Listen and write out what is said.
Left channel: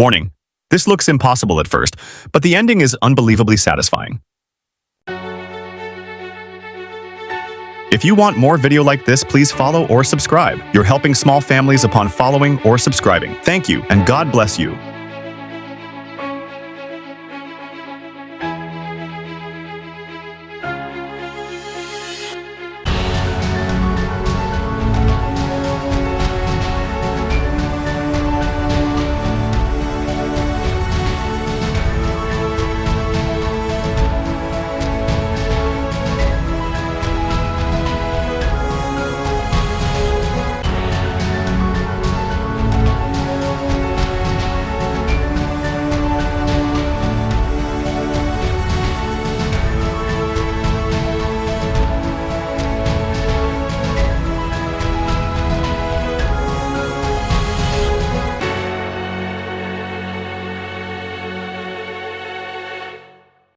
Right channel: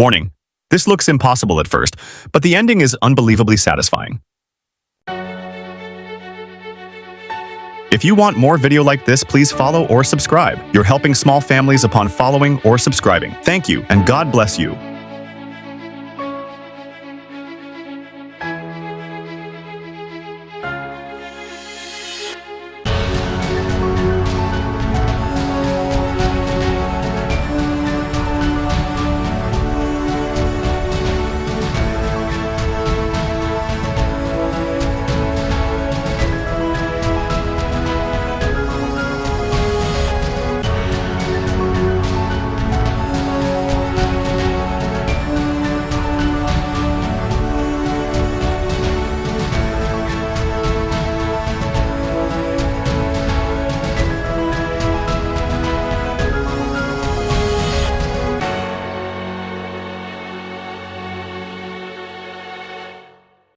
Warning. This looks impossible at first, but the ending is unbelievably satisfying. If you want more video like this, please follow or subscribe. You're helping small families upon following or subscribing. Thank you, and God bless you.